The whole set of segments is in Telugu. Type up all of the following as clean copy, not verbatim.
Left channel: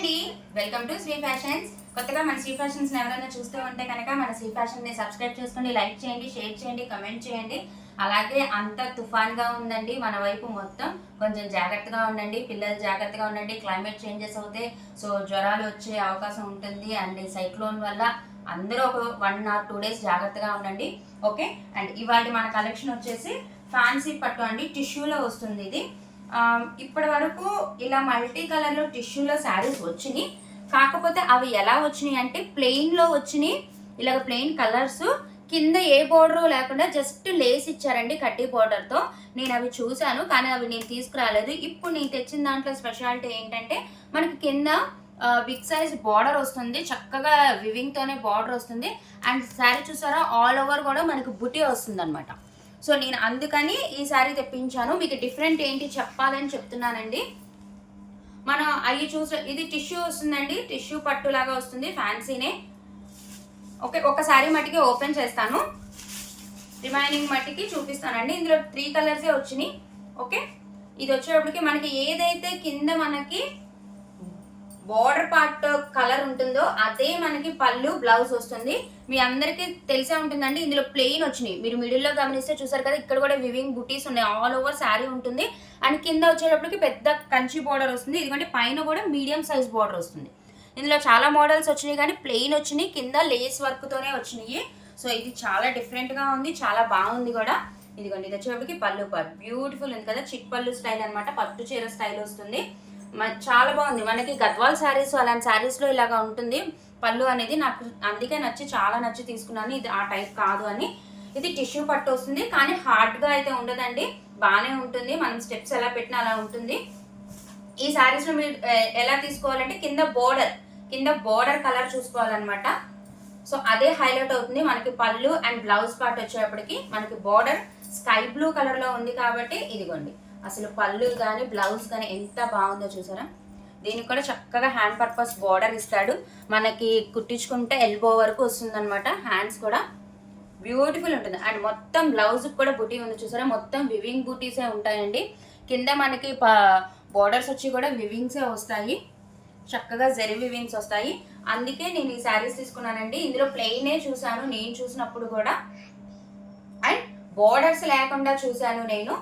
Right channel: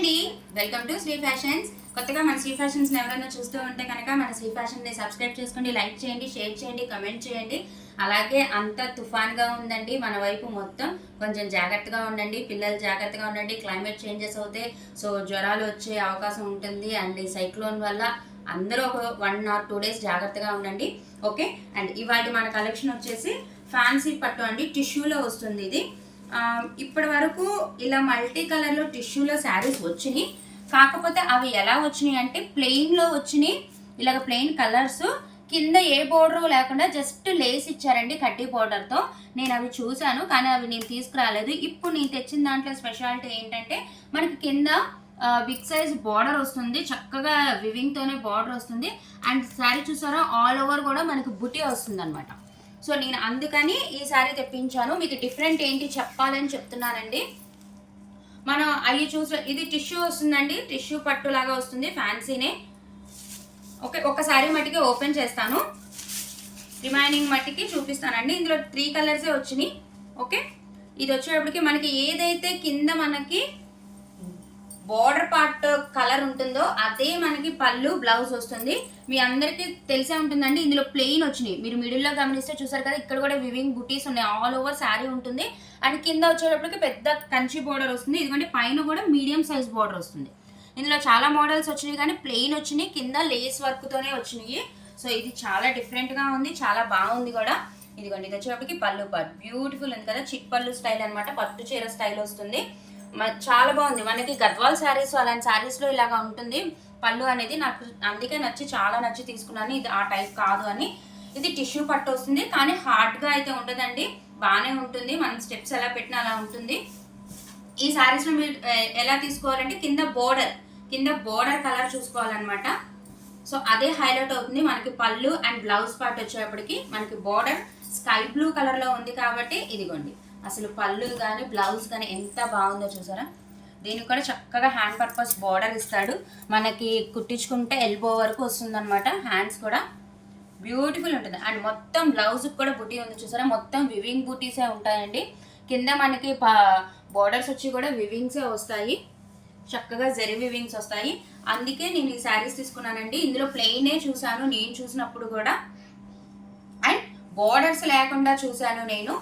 అండి, వెల్కమ్ టు శ్రీ ఫ్యాషన్స్. కొత్తగా మన శ్రీ ఫ్యాషన్స్ ఎవరైనా చూస్తూ ఉంటే కనుక మన శ్రీ ఫ్యాషన్ని సబ్స్క్రైబ్ చేసుకోండి, లైక్ చేయండి, షేర్ చేయండి, కమెంట్ చేయండి. అలాగే అంత తుఫాన్గా ఉందండి మన వైపు మొత్తం. కొంచెం జాగ్రత్తగా ఉండండి, పిల్లలు జాగ్రత్తగా ఉండండి. క్లైమేట్ చేంజెస్ అవుతాయి, సో జ్వరాలు వచ్చే అవకాశం ఉంటుంది. అండ్ ఈ సైక్లోన్ వల్ల అందరూ ఒక 1 or 2 days జాగ్రత్తగా ఉండండి. ఓకే, అండ్ ఇవాళ మన కలెక్షన్ వచ్చేసి ఫ్యాన్సీ పట్టు అండి, టిష్యూలో వస్తుంది ఇది. ఇప్పటి వరకు ఇలా మల్టీ కలర్లో టిష్యూలో శారీస్ వచ్చినాయి, కాకపోతే అవి ఎలా వచ్చినాయి అంటే ప్లెయిన్లో వచ్చినాయి. ఇలాగ ప్లెయిన్ కలర్స్ కింద ఏ బోర్డర్ లేకుండా జస్ట్ లేస్ ఇచ్చారండి కడ్డీ బోర్డర్తో. నేను అవి చూశాను, కానీ అవి నేను తీసుకురాలేదు. ఇప్పుడు నేను తెచ్చిన దాంట్లో స్పెషాలిటీ ఏంటంటే మనకి కింద బిగ్ సైజ్ బార్డర్ వస్తుంది, చక్కగా వివింగ్తోనే బార్డర్ వస్తుంది. అండ్ శారీ చూసారా, ఆల్ ఓవర్ కూడా మనకి బుటీ వస్తుంది అనమాట. సో నేను అందుకని ఈ శారీ తెప్పించాను. మీకు డిఫరెంట్ ఏంటి చెప్పాలని చెప్తున్నానండి. మనం అవి చూసే ఇది టిష్యూ వస్తుందండి, టిష్యూ పట్టు లాగా వస్తుంది, ఫ్యాన్సీనే. ఓకే, ఒక శారీ మట్టికి ఓపెన్ చేస్తాను, రిమైనింగ్ మట్టికి చూపిస్తానండి. ఇందులో 3 కలర్సే వచ్చినాయి. ఓకే, ఇది వచ్చేటప్పటికి మనకి ఏదైతే కింద మనకి బార్డర్ పార్ట్ కలర్ ఉంటుందో అదే మనకి పళ్ళు బ్లౌజ్ వస్తుంది. మీ అందరికీ తెలిసే ఉంటుందండి, ఇందులో ప్లెయిన్ వచ్చినాయి. మీరు మిడిల్లో గమనిస్తే చూసారు కదా, ఇక్కడ కూడా వివింగ్ బుటీస్ ఉన్నాయి, ఆల్ ఓవర్ శారీ ఉంటుంది. అండ్ కింద వచ్చేటప్పటికి పెద్ద కంచి బార్డర్ వస్తుంది. ఇదిగోండి పైన కూడా మీడియం సైజ్ బార్డర్ వస్తుంది. ఇందులో చాలా మోడల్స్ వచ్చినాయి, కానీ ప్లెయిన్ వచ్చినాయి, కింద లేస్ వర్క్తోనే వచ్చినాయి. సో ఇది చాలా డిఫరెంట్గా ఉంది, చాలా బాగుంది కూడా. ఇదిగోండి ఇది వచ్చేటప్పటికి పళ్ళు పార్ట్ బ్యూటిఫుల్ ఉంది కదా, చిట్ పళ్ళు స్టైల్ అనమాట, పట్టు చీర స్టైల్ వస్తుంది. చాలా బాగుంది. మనకి గద్వాల్ శారీస్ అలాంటి శారీస్లో ఇలాగా ఉంటుంది పళ్ళు అనేది. నాకు అందుకే చాలా నచ్చి తీసుకున్నాను. ఇది ఆ టైప్ కాదు అని. ఇది టిష్యూ పట్టు వస్తుంది, కానీ హార్డ్గా అయితే ఉండదండి, బాగానే ఉంటుంది. మనం స్టెప్స్ ఎలా పెట్టినా అలా ఉంటుంది. ఈ శారీస్లో మీరు ఎలా తీసుకోవాలంటే కింద బోర్డర్ కలర్ చూసుకోవాలన్నమాట. సో అదే హైలైట్ అవుతుంది. మనకి పళ్ళు అండ్ బ్లౌజ్ పార్ట్ వచ్చేటప్పటికి మనకి బోర్డర్ స్కై బ్లూ కలర్లో ఉంది కాబట్టి ఇదిగోండి అసలు పళ్ళు కానీ బ్లౌజ్ కానీ ఎంత బాగుందో చూసారా. దీనికి కూడా చక్కగా హ్యాండ్ పర్పస్ బార్డర్ ఇస్తాడు, మనకి కుట్టించుకుంటే ఎల్బో వరకు వస్తుందన్నమాట. హ్యాండ్స్ కూడా బ్యూటిఫుల్ ఉంటుంది. అండ్ మొత్తం బ్లౌజ్కి కూడా బుటీ ఉంది చూసారా, మొత్తం వివింగ్ బుటీసే ఉంటాయండి. కింద మనకి బార్డర్స్ వచ్చి కూడా వివింగ్సే వస్తాయి, చక్కగా జెరీ వివింగ్స్ వస్తాయి. అందుకే నేను ఈ శారీస్ తీసుకున్నానండి. ఇందులో ప్లెయినే చూసాను నేను చూసినప్పుడు కూడా, అండ్ బార్డర్స్ లేకుండా చూసాను నేను.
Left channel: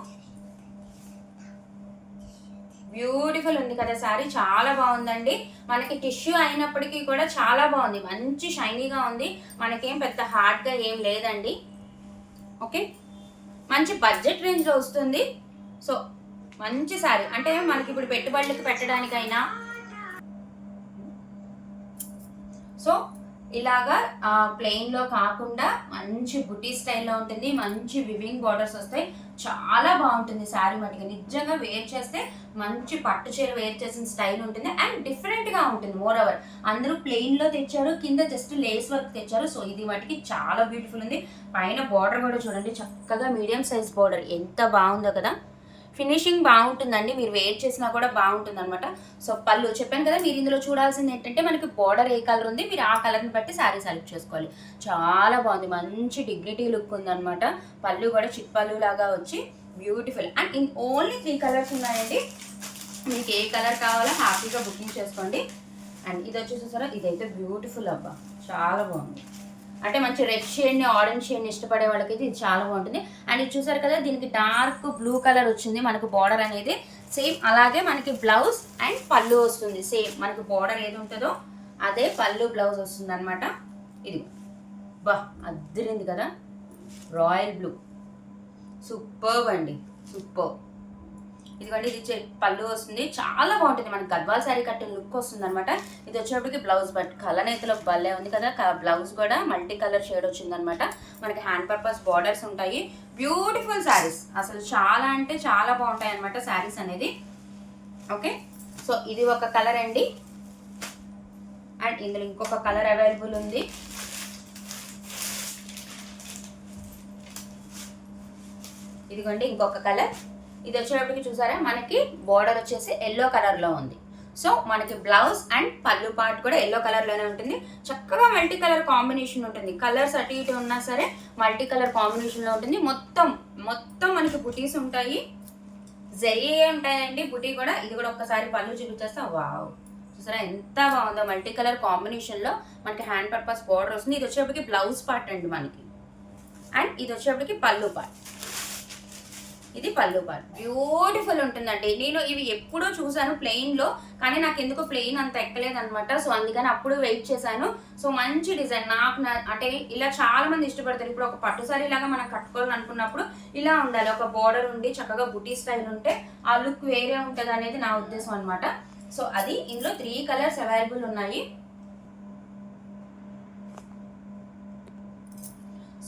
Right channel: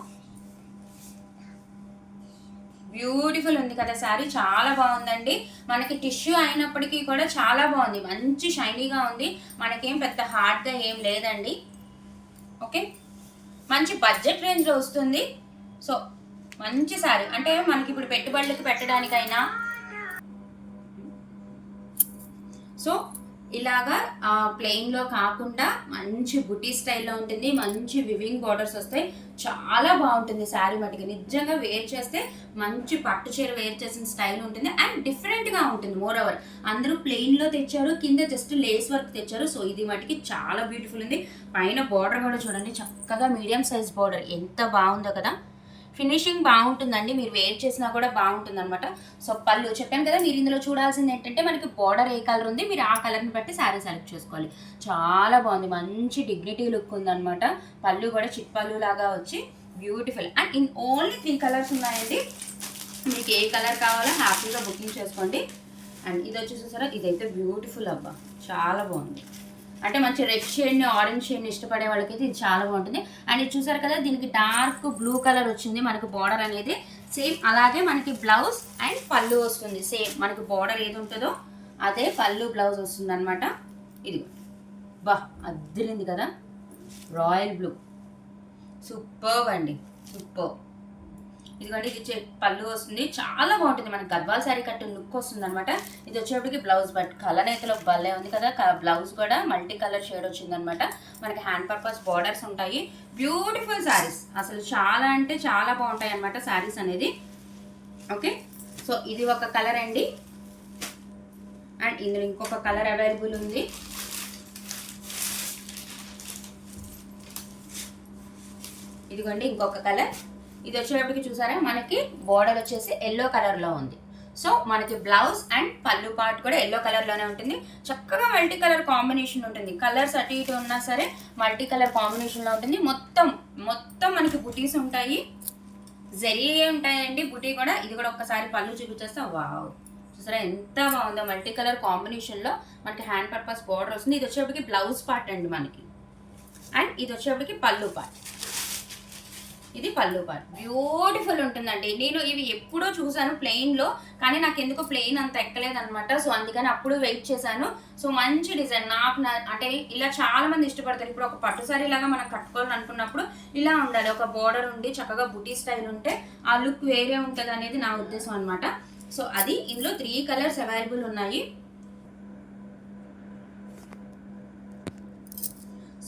బ్యూటిఫుల్ ఉంది కదా శారీ, చాలా బాగుందండి. మనకి టిష్యూ అయినప్పటికీ కూడా చాలా బాగుంది, మంచి షైనీగా ఉంది. మనకేం పెద్ద హార్డ్గా ఏం లేదండి. ఓకే, మంచి బడ్జెట్ రేంజ్లో వస్తుంది. సో మంచి శారీ అంటే మనకి ఇప్పుడు పెట్టుబడులకు పెట్టడానికైనా, సో ఇలాగా ప్లెయిన్లో కాకుండా మంచి బుటీ స్టైల్లో ఉంటుంది, మంచి వివింగ్ బార్డర్స్ వస్తాయి, చాలా బాగుంటుంది శారీ మటుకు. నిజంగా వేర్ చేస్తే మంచి పట్టు చీర వేర్ చేసిన స్టైల్ ఉంటుంది, అండ్ డిఫరెంట్గా ఉంటుంది. మోర్ ఓవర్ అందరూ ప్లెయిన్లో తెచ్చారు, కింద జస్ట్ లేస్ వర్క్ తెచ్చారు. సో ఇది మటుకి చాలా బ్యూటిఫుల్ ఉంది. పైన బార్డర్ కూడా చూడండి, చక్కగా మీడియం సైజ్ బార్డర్, ఎంత బాగుందో కదా. ఫినిషింగ్ బాగుంటుందండి, మీరు వేర్ చేసినా కూడా బాగుంటుంది అనమాట. సో పళ్ళు చెప్పాను కదా, మీరు ఇందులో చూడాల్సింది ఏంటంటే మనకి బార్డర్ ఏ కలర్ ఉంది, మీరు ఆ కలర్ని బట్టి శారీ సెలెక్ట్ చేసుకోవాలి. చాలా బాగుంది, మంచి డిగ్నిటీ లుక్ ఉందన్నమాట. పళ్ళు కూడా చిట్ పళ్ళు లాగా వచ్చి beautiful. And in only 3 colours ఉన్నాయండి, మీకు ఏ కలర్ కావాలో హ్యాపీగా బుకింగ్ చేసుకోండి. అండ్ ఇది వచ్చి చూసారా, ఇదైతే బ్యూటిఫుల్ అబ్బా, చాలా బాగుంది. అంటే మంచి రెడ్ షేడ్ని ఆరెంజ్ షేడ్ని ఇష్టపడే వాళ్ళకి ఇది చాలా బాగుంటుంది. అండ్ ఇది చూసారు కదా, దీనికి డార్క్ బ్లూ కలర్ వచ్చింది మనకి బార్డర్ అనేది. సేమ్ అలాగే మనకి బ్లౌజ్ అండ్ పళ్ళు వస్తుంది, సేమ్ మనకి బార్డర్ ఏది ఉంటుందో అదే పళ్ళు బ్లౌజ్ వస్తుంది అనమాట. ఇది బా అద్దరింది కదా, రాయల్ బ్లూ, సూపర్బ్ అండి, సూపర్. ఇదిగోండి ఇది పళ్ళు వస్తుంది, చాలా బాగుంటుంది, మనకి గద్వాల్ శారీ కట్టు లుక్ వస్తుంది అనమాట. ఇది వచ్చేటప్పటికి బ్లౌజ్ బట్ కలనేతలో భలే ఉంది కదా, బ్లౌజ్ కూడా మల్టీ కలర్ షేడ్ వచ్చింది అనమాట. మనకి హ్యాండ్ పర్పస్ బార్డర్స్ ఉంటాయి, బ్యూటిఫుల్ శారీస్, అసలు చాలా అంటే చాలా బాగుంటాయి అనమాట శారీస్ అనేది. ఓకే, సో ఇది ఒక కలర్ అండి. అండ్ ఇందులో ఇంకొక కలర్ అవైలబుల్ ఉంది. ఇదిగోండి ఇంకొక కలర్. ఇది వచ్చేటప్పటికి చూసారా, మనకి బార్డర్ వచ్చేసి ఎల్లో కలర్లో ఉంది. సో మనకి బ్లౌజ్ అండ్ పళ్ళు పార్ట్ కూడా ఎల్లో కలర్లోనే ఉంటుంది. చక్కగా మల్టీ కలర్ కాంబినేషన్ ఉంటుంది, కలర్స్ అటు ఇటు ఉన్నా సరే మల్టీ కలర్ కాంబినేషన్లో ఉంటుంది. మొత్తం మనకి బుటీస్ ఉంటాయి, జరీ ఉంటాయండి బుటీ కూడా. ఇది కూడా ఒక్కసారి పళ్ళు చూపించేస్తే వావ్, చూసారా ఎంత బాగుందో, మల్టీ కలర్ కాంబినేషన్లో మనకి హ్యాండ్ పర్పస్ బార్డర్ వస్తుంది. ఇది వచ్చేప్పటికి బ్లౌజ్ పార్ట్ అండి మనకి, అండ్ ఇది వచ్చేప్పటికి పళ్ళు పార్ట్. ఇది పళ్ళు పార్ట్ బ్యూటిఫుల్ ఉంటుందండి. నేను ఇవి ఎప్పుడో చూసాను ప్లెయిన్లో, కానీ నాకు ఎందుకో ప్లెయిన్ అంత ఎక్కలేదు అనమాట. సో అందుకని అప్పుడు వెయిట్ చేశాను. సో మంచి డిజైన్ నాకు అంటే ఇలా చాలా మంది ఇష్టపడతారు. ఇప్పుడు ఒక పట్టు సారీ లాగా మనం కట్టుకోవాలని అనుకున్నప్పుడు ఇలా ఉండాలి, ఒక బార్డర్ ఉండి చక్కగా బుటీ స్టైల్ ఉంటే ఆ లుక్ వేరే ఉంటుంది అనేది నా ఉద్దేశం అనమాట. సో అది ఇందులో 3 కలర్స్ అవైలబుల్ ఉన్నాయి.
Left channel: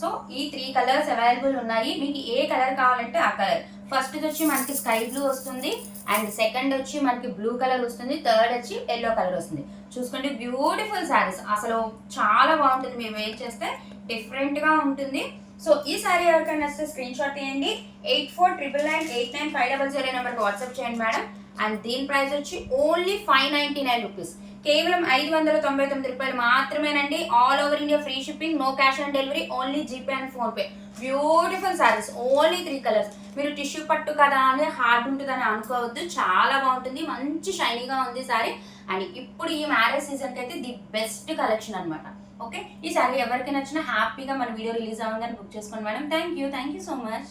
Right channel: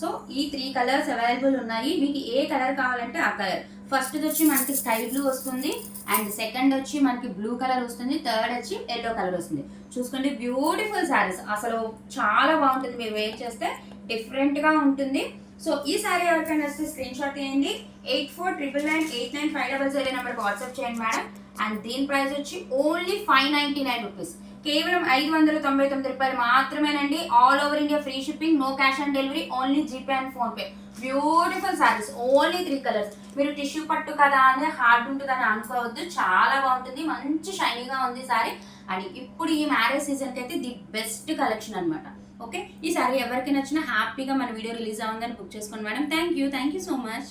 సో ఈ 3 కలర్స్ అవైలబుల్ ఉన్నాయి. మీకు ఏ కలర్ కావాలంటే ఆ కలర్. ఫస్ట్ వచ్చి మనకి స్కై బ్లూ వస్తుంది, అండ్ సెకండ్ వచ్చి మనకి బ్లూ కలర్ వస్తుంది, థర్డ్ వచ్చి ఎల్లో కలర్ వస్తుంది. చూసుకోండి బ్యూటిఫుల్ శారీస్, అసలు చాలా బాగుంటుంది. మీరు వేర్ చేస్తే డిఫరెంట్గా ఉంటుంది. సో ఈ శారీ ఎవరికైనా వస్తే స్క్రీన్ షాట్ తీయండి. 8499989500 నెంబర్కి వాట్సాప్ చేయండి మేడం. అండ్ దీని ప్రైస్ వచ్చి ఓన్లీ 599 రూపీస్, కేవలం 599 రూపాయలు మాత్రమేనండి. All over India free shipping, no cash on delivery, only GPay and PhonePe. Beautiful saris, only 3 colours. మీరు టిష్యూ పట్టు కదా అని హార్డ్ ఉంటుందని అనుకోవద్దు, చాలా బాగుంటుంది, మంచి షైనీగా ఉంది సారీ. అండ్ ఇప్పుడు ఈ మ్యారేజ్ సీజన్కి అయితే ది బెస్ట్ కలెక్షన్ అనమాట. ఓకే, ఈ సారీ ఎవరికి నచ్చినా హ్యాపీగా మన వీడియో రిలీజ్ అవ్వగానే బుక్ చేసుకోండి madam. Thank you so much.